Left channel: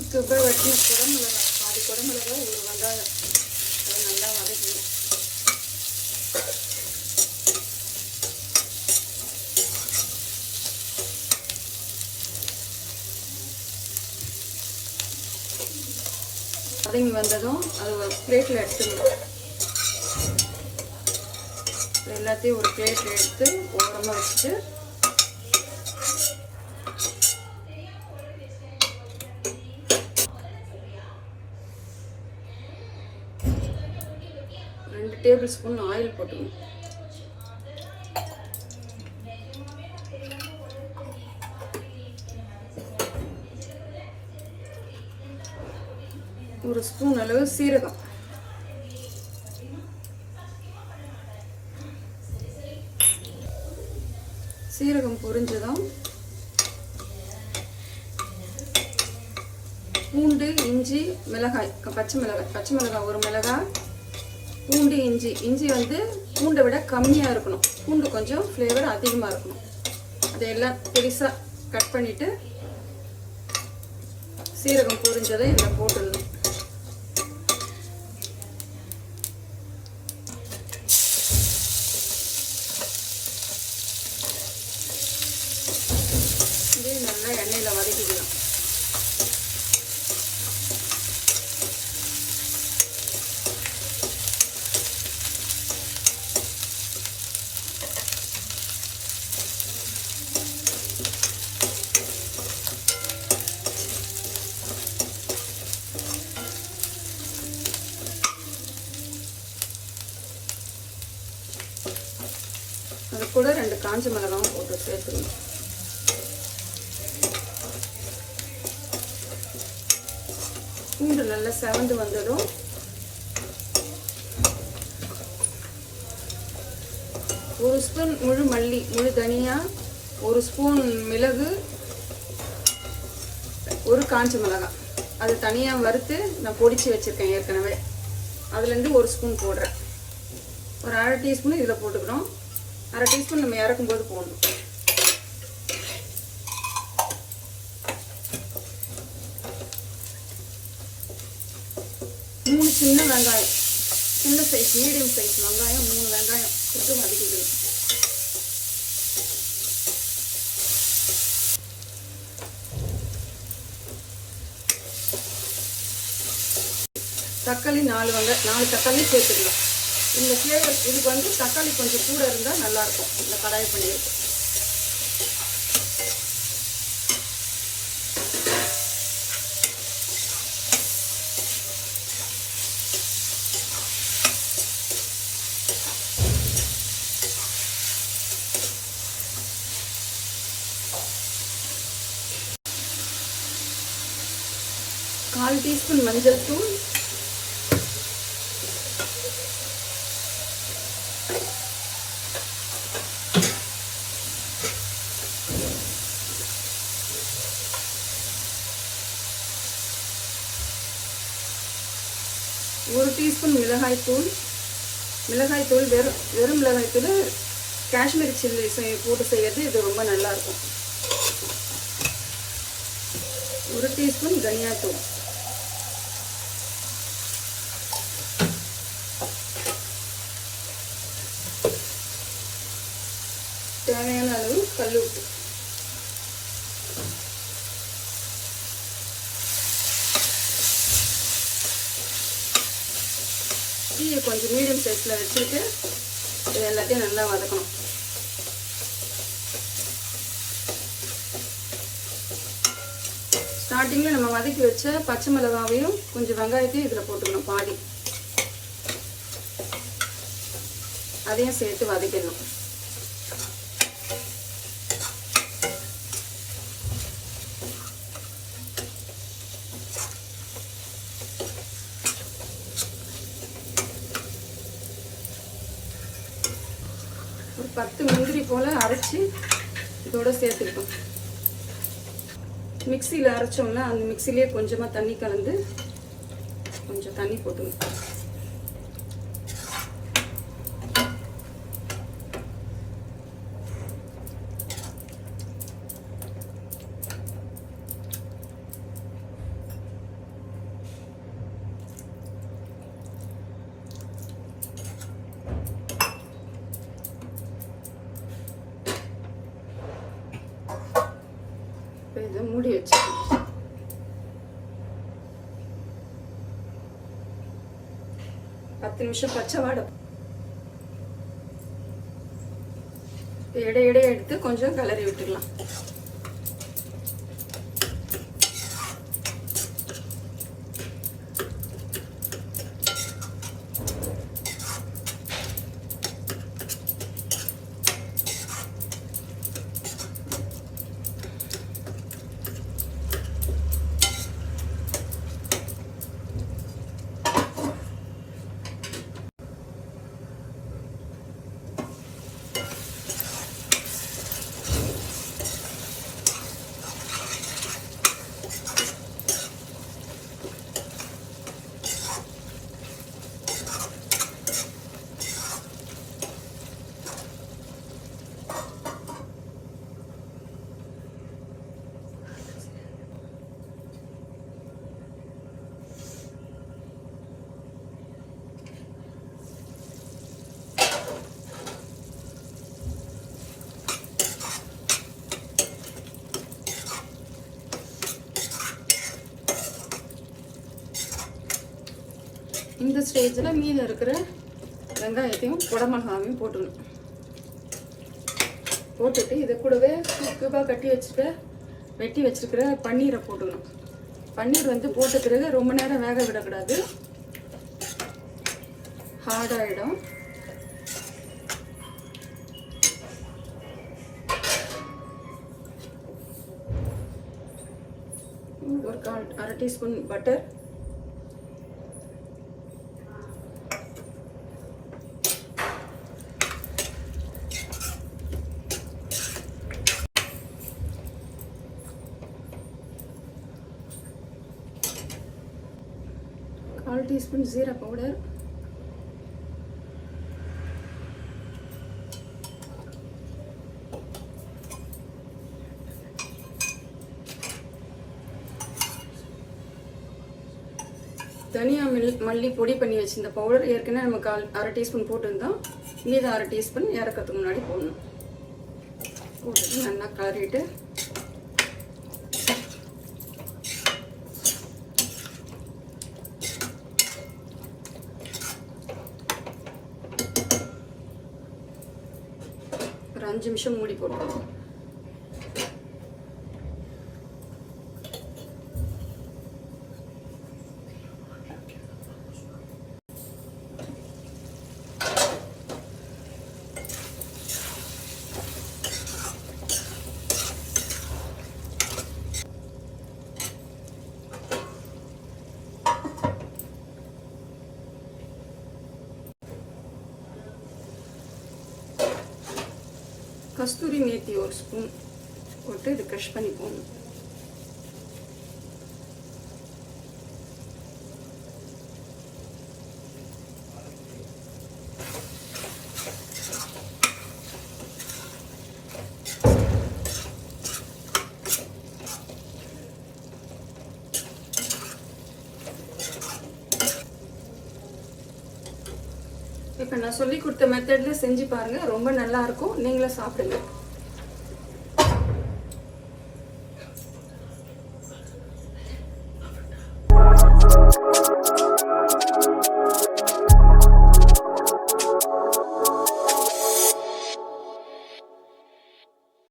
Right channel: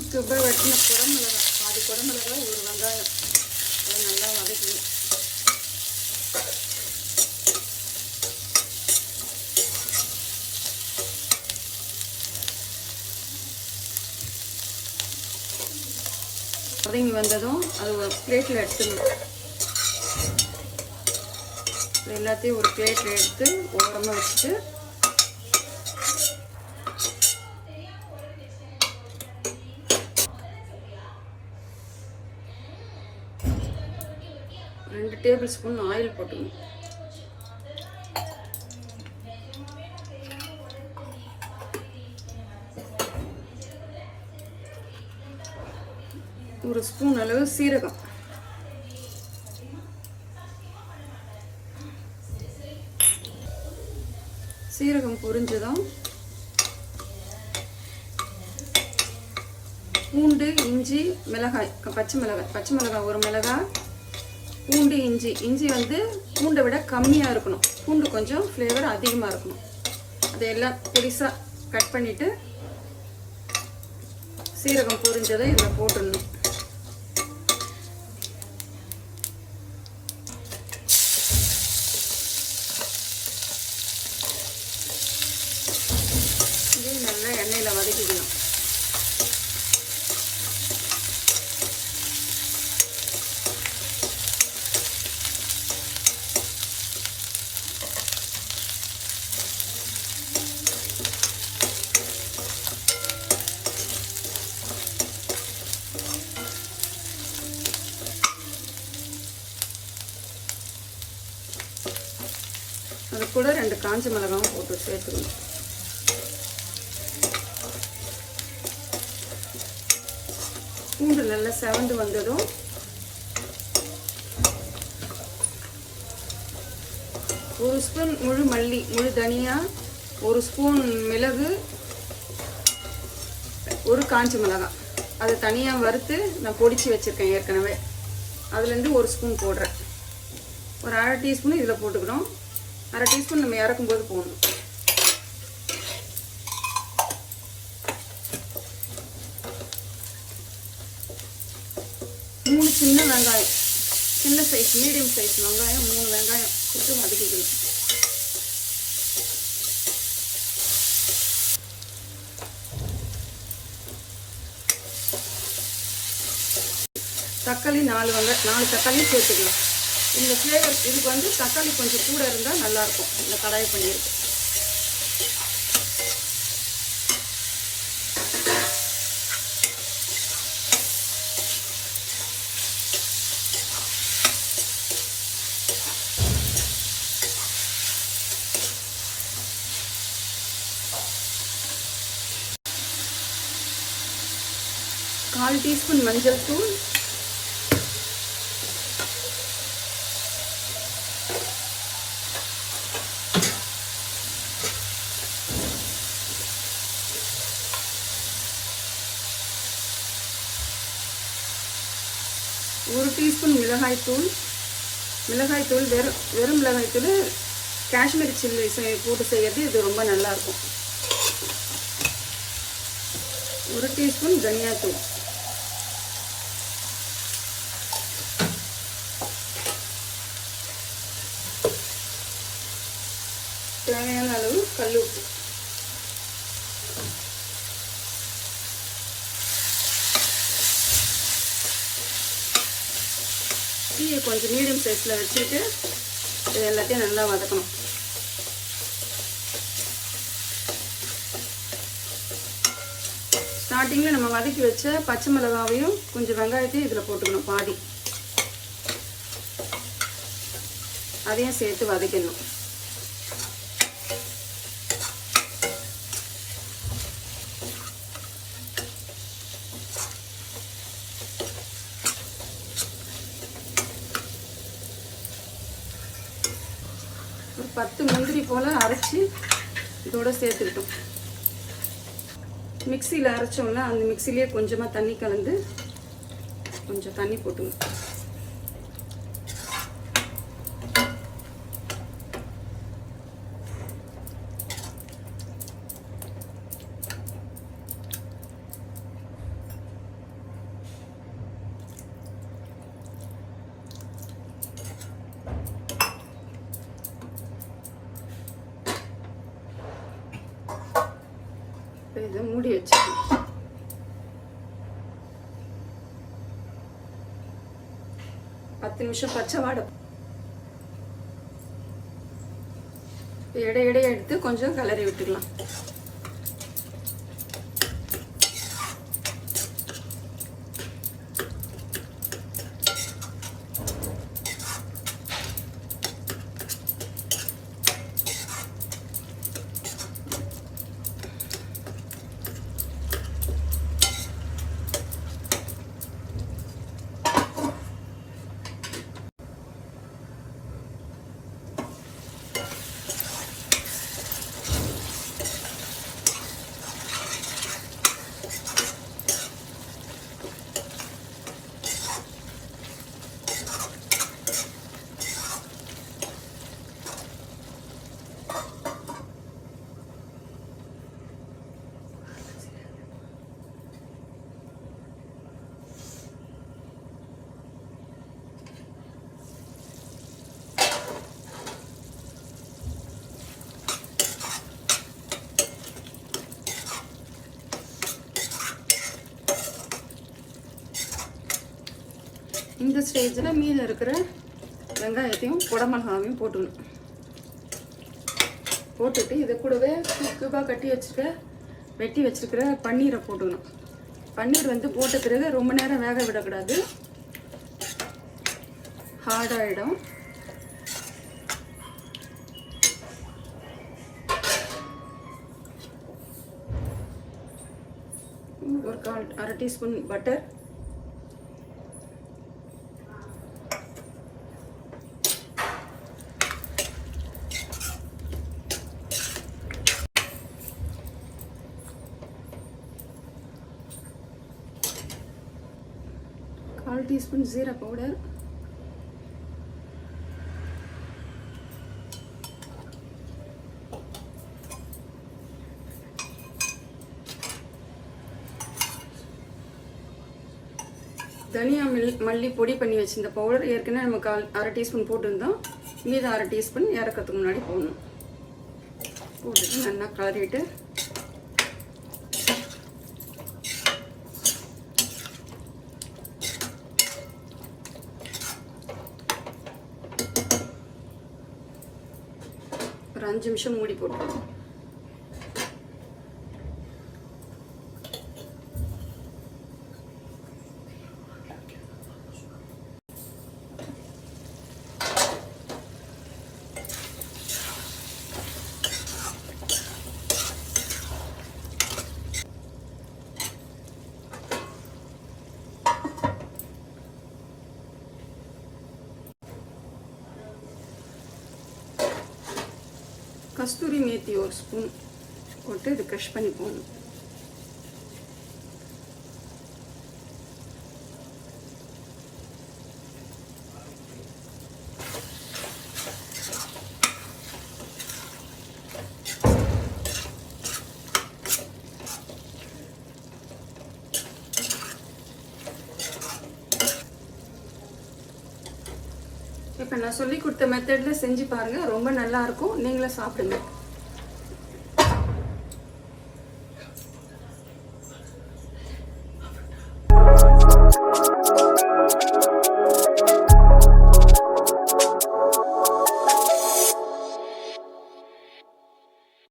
இப்போ வெட்டின குடமிளகா, அது குடமிளகா ஒரு வெங்காயம் நல்லா வதக்கணும். வதங்கி வந்ததும் அது பிளேட்டில் எடுத்துக்கணும். எல்லாத்தையும் ஒரு பிளேட்டில் எடுத்து ஓரமாக வச்சுட்டு ரெண்டு டேபிள் ஸ்பூன் ஆயில் போட்டுக்கணும். ஒரு ஸ்பூன் அளவு சீரகம், சீரகம் பொரிஞ்சதும் பூண்டு, இஞ்சி, மிளகாய், பச்சை மிளகாய் ஒரு மிளகாய், பூண்டு, இஞ்சி வந்து பூண்டை விட கம்மியாக இருக்கணும். பூண்டு கொஞ்சம் ஃப்ளேவர் அதிகமாக இருக்கணும். அதையெல்லாம் பெருசாக கட் பண்ணிட்டு சீரகம் பொரிஞ்சதை இதில் போட்டுடணும். இது நல்லா எண்ணெயில் வதக்கிக்கணும். அது கூட 2 காஞ்ச மிளகாவும் போட்டு சேர்த்துக்கணும். பூண்டு நல்லா செவந்து வந்ததும் ஒரு ஸ்பூன் முழு மல்லி, முழு தனியா, ஒரு ஸ்பூன் மிளகு, ஒரு காஞ்ச மிளகாய், அதை தனியாக வறுத்து நான் பொடிச்சு வச்சிருக்கேன் ஏற்கனவே. அதுலேருந்து ஒரு ஸ்பூன் போடுறேன். ஒரு 1/2 டீஸ்பூன் இதில் போட்டுக்கிறோம். 1/2 டீஸ்பூன் நம்ம இறக்கும்போது போடணும். மூணு சின்ன வெங்காயம், சின்ன சைஸ் மீடியம் சைஸ் வெங்காயம் 3 வெங்காயம் போட்டு வதக்கிக்கணும். தக்காளி 4 தக்காளி சேர்த்துக்கலாம். இந்த ஃப்ளேவர் இதுக்கு வந்து தக்காளி கொஞ்சம் கூட இருந்தால் நல்லாயிருக்கும். இந்த கடாய் பண்ணியிருக்கு. கால் டீஸ்பூன் மஞ்சள் தூள், ஒரு டீஸ்பூன் மிளகாய்த்தூள். வெறும் மிளகாய்த்தூள் காஷ்மீரி சில்லி போட்டு செய்யறது இது ரொம்ப நல்லா இருக்கும். ஒரு டீஸ்பூன் தனியாத்தூள், தேவையான அளவு கல்லுப்பு. கொஞ்சம் மீடியம் சைஸில் வச்சுட்டு எல்லாத்தையும் நல்லா வதக்கணும். ஸ்டார்டிங்கில் நம்ம வதக்கி வச்ச பச்சை மிளகாவையும் கொஞ்சம் வெங்காயத்தையும் இதில் போட்டுக்கணும். பாதி அதையும் சேர்த்து வதக்கிடணும். ஒரு 10 முந்திரி போல் அரைச்சி இதோட சேர்த்துக்கிட்டோம். மிக்சியில் அரைச்சோம்னா அந்த மிக்சிலேயே கொஞ்சமாக தண்ணி கலந்து கொஞ்சம் தண்ணி போட்டுக்கணும். மூடி வச்சுக்கணும். பத்து நிமிஷம் பச்சை வாடை. இடையிடையே எடுத்து கொஞ்சம் கிளறி விட்டுக்கலாம். இந்த ஸ்டேஜில் மீதி இருக்கிற வெங்காயத்தையும் குடமிளகாவையும் போட்டுக்கணும். போட்டுட்டு இதை கூடவே கியூபாக வெட்டி வச்சுருக்கிற பன்னீரை போட்டுக்கணும். பன்னீர் வந்து போட்ட பிறகு ரொம்ப நேரம் வேக விடக்கூடாது, ஹார்டாகிடும். ஒரு அரை டீஸ்பூன் பட்டர், கால் டீஸ்பூன் ஜீரா பவுடர், தனியா மல்லி பொடி பண்ணி வச்சிருந்த பவுடர் ஏற்கனவே நம்ம அரை டீஸ்பூன் போட்டுருந்தோம். மீது அரை டீஸ்பூன் இறக்கிறதுக்கு முன்னாடி போடணும். போட்டு நல்லா கலரிவிட்டு ஒரு 5 நிமிஷம் மூடி போட்டுருவோம். கஸ்தூரி மேத்தி ஒரு ஸ்பூன் போட்டு இது க்ரஷ் பண்ணி போடணும். இப்போ நான் சொல்லி கொடுத்த மெத்தட்ல செஞ்சு பாருங்க, ரொம்ப நல்லா இருக்கும். நீங்களும் சாப்பிடுங்க.